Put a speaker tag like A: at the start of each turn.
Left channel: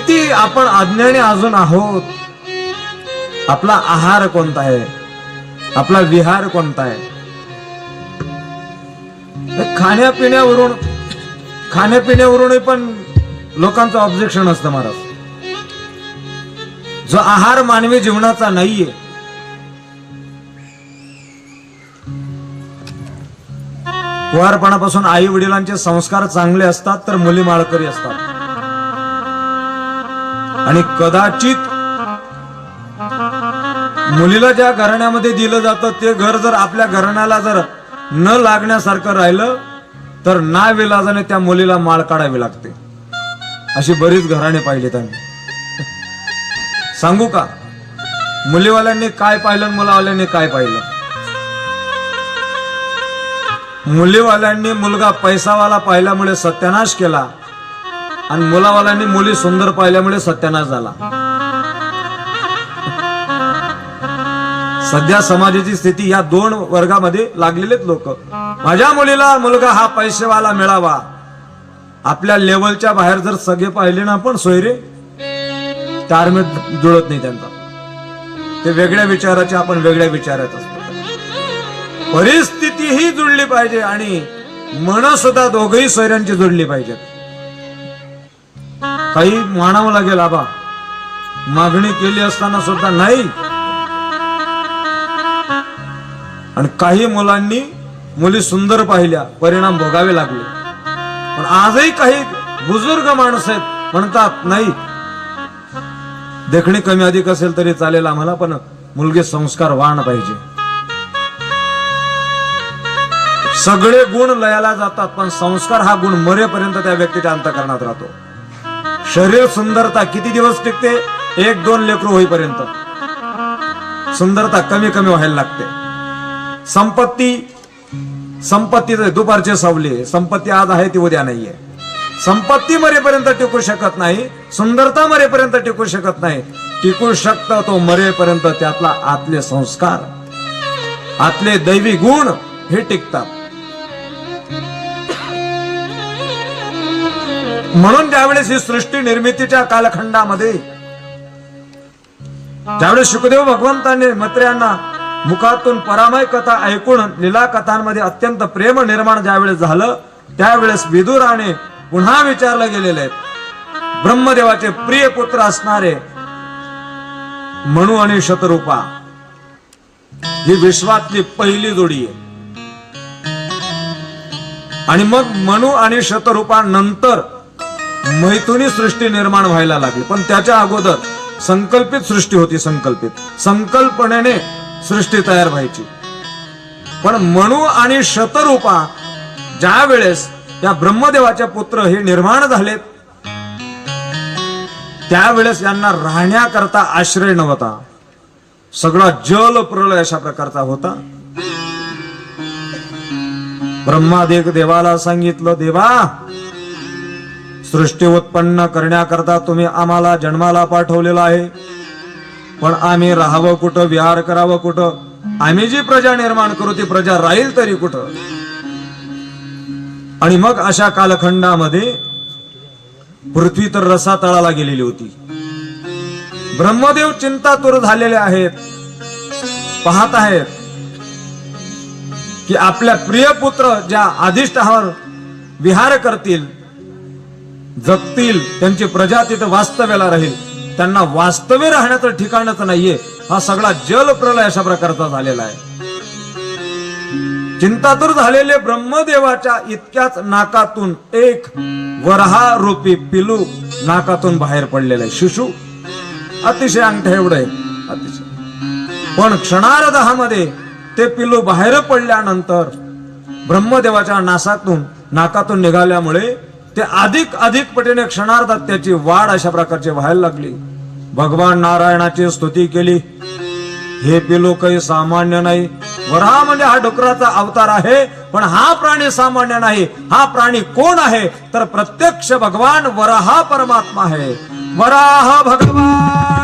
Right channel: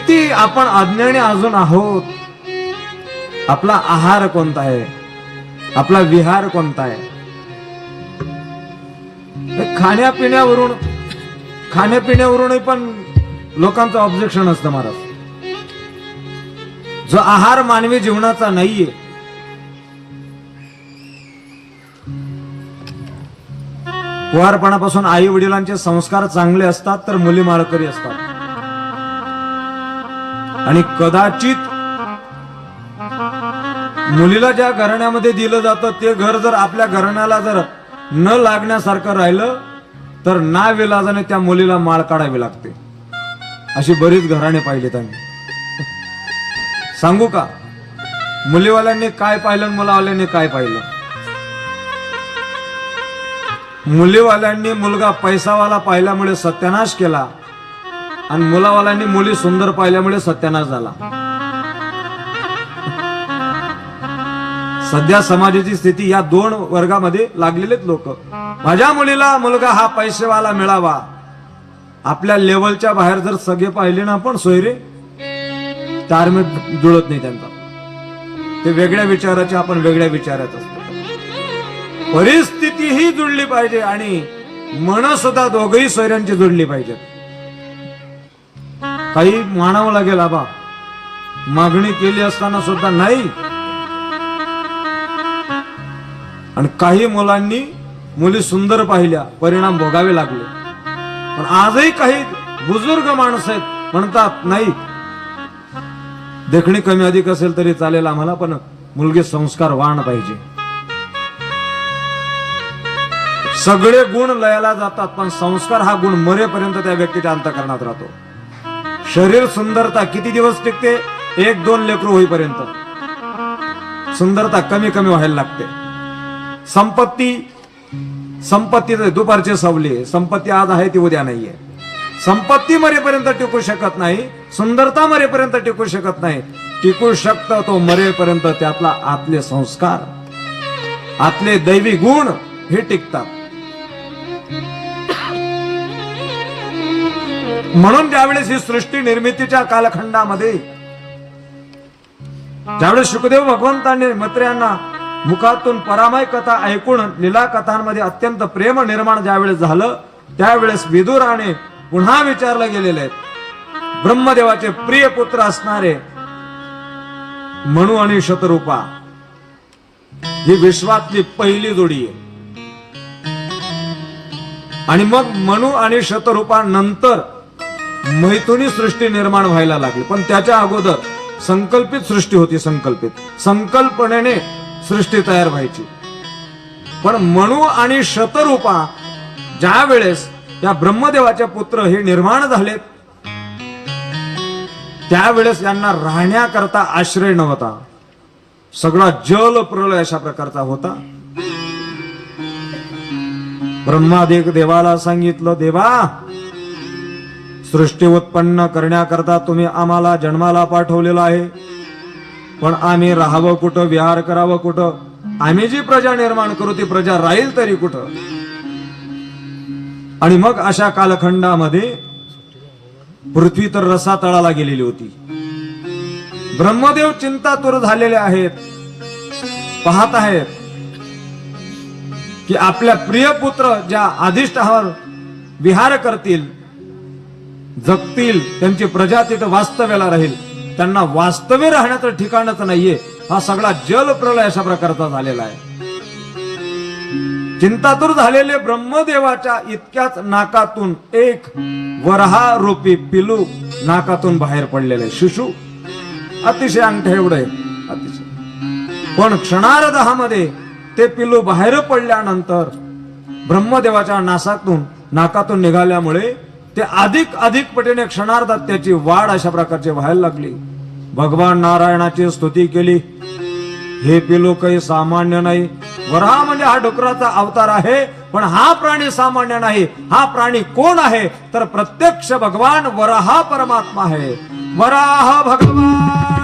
A: किती आपण अज्ञानी अजून आहोत? आपला आहार कोणता आहे? आपला विहार कोणता आहे? खाण्यापिण्यावरून खाण्यापिण्यावरून खाण्यापिण्यावरूनही पण लोकांचं ऑब्जेक्शन असतं महाराज. जो आहार मानवी जीवनाचा नाहीये. कुवारपणापासून आई वडिलांचे संस्कार चांगले असतात तर मुली माळकरी असतात. आणि कदाचित मुलीला ज्या घराण्यामध्ये दिलं जातं ते घर जर आपल्या घराण्याला जर न लागण्यासारखं राहिलं तर ना विलाजाने त्या मुलीला माळ काढावी लागते. अशी बरीच घराणे पाहिजेत आम्ही. सांगू का? मुलीवाल्यांनी काय पाहिलं मुलावाल्यांनी काय पाहिलं? मुलीवाल्यांनी मुलगा पैसावाला पाहिल्यामुळे सत्यानाश केला आणि मुलावाल्यांनी मुली सुंदर पाहिल्यामुळे सत्यानाश झाला. सध्या समाजाची स्थिती या दोन वर्गामध्ये लागलेलेच लोक. माझ्या मुलीला मुलगा हा पैसेवाला मिळावा. आपल्या लेवलच्या बाहेर जर सगळे पाहिले ना आपण सोयरे तारमेत जुळत नाही त्यांचा. ते वेगळ्या विचाराचे आपण वेगळ्या विचारात असतो. परिस्थिती ही जुळली पाहिजे आणि मन सुद्धा दोघही सोयऱ्यांची जुळली पाहिजेत. काही मानावं लागेल आबा. मागणी केली असताना सुद्धा नाही. आणि काही मुलांनी मुली सुंदर पाहिल्या परिणाम भोगावे लागले. पण आजही काही बुजुर्ग माणसं आहेत म्हणतात नाही. देखणी कमी अधिक असेल तरी चालेल आम्हाला पण मुलगे संस्कार संस्कारवान पाहिजे. सगळे गुण लयाला जातात पण संस्कार हा गुण मरेपर्यंत त्या व्यक्तीच्या अंतकरणात राहतो. शरीर सुंदरता किती दिवस टिकते? एक दोन लेकरू होईपर्यंत. सुंदरता कमी कमी व्हायला लागते. संपत्ती संपत्ती दुपारचे दुपारची सावली संपत्ती आज आहे ती उद्या नाहीये. संपत्ती मरेपर्यंत टिकू शकत नाही सुंदरता मरेपर्यंत टिकू शकत नाही. टिकू शकत तो मरेपर्यंत त्यातला आतले संस्कार आतले दैवी गुण हे टिकतात. म्हणून त्यावेळेस ही सृष्टी निर्मितीच्या कालखंडामध्ये त्यावेळेस सुखदेव भगवंतांनी मत्र्यांना मुखातून परामय कथा ऐकून लीला कथांमध्ये अत्यंत प्रेम निर्माण ज्यावेळेस झालं त्यावेळेस विदुराने पुन्हा विचारलं गेलेले आहेत ब्रह्मदेवाचे प्रिय पुत्र असणारे मनु आणि शतरूपा ही विश्वातली पहिली जोडी आहे. आणि मग मनु आणि शतरूपा नंतर मैथुनी सृष्टी निर्माण व्हायला लागली. पण त्याच्या अगोदर संकल्पित सृष्टी होती संकल्पित. संकल्पनेने सृष्टी तयार व्हायची. पण मनु आणि शतरूपा ज्या वेळेस त्या ब्रह्मदेवाचे पुत्र हे निर्माण झालेत त्यावेळेस यांना राहण्याकरता आश्रय नव्हता. सगळा जल प्रलय अशा प्रकारचा होता. ब्रह्मादेव देवाला सांगितलं देवा सृष्टी उत्पन्न करण्याकरता तुम्ही आम्हाला जन्माला पाठवलेला आहे. पण आम्ही राहावं कुठं विहार करावं कुठं? आम्ही जी प्रजा निर्माण करू ती प्रजा राहील तरी कुठं? आणि मग अशा कालखंडामध्ये पृथ्वी तर रसातळाला गेलेली होती. ब्रह्मदेव चिंतातूर झालेले आहेत. पाहत आहेत की आपल्या प्रिय पुत्र ज्या अधिष्ठावर विहार करतील जगतील त्यांची प्रजा तिथं वास्तव्याला राहील. त्यांना वास्तव्य राहण्याचं ठिकाणच नाहीये. हा सगळा जल प्रलय अशा प्रकारचा झालेला आहे. चिंतातूर झालेले ब्रह्मदेवाच्या इतक्याच नाकातून एक वरहा रूपी पिलू नाकातून बाहेर पडलेले आहे शिशु. अतिशय अंगठ एवढं अतिशय. पण क्षणार्धामध्ये ते पिलू बाहेर पडल्यानंतर ब्रह्मदेवाच्या नासातून नाकातून निघाल्यामुळे ते अधिक अधिक पटीने क्षणार्धात त्याची वाढ अशा प्रकारची व्हायला लागली. भगवान नारायणाची स्तुती केली. हे पिलो काही सामान्य नाही. वराह म्हणजे हा डुकराचा अवतार आहे पण हा प्राणी सामान्य नाही. हा प्राणी कोण आहे? तर प्रत्यक्ष भगवान वराहा परमात्मा आहे. वराह भगवान!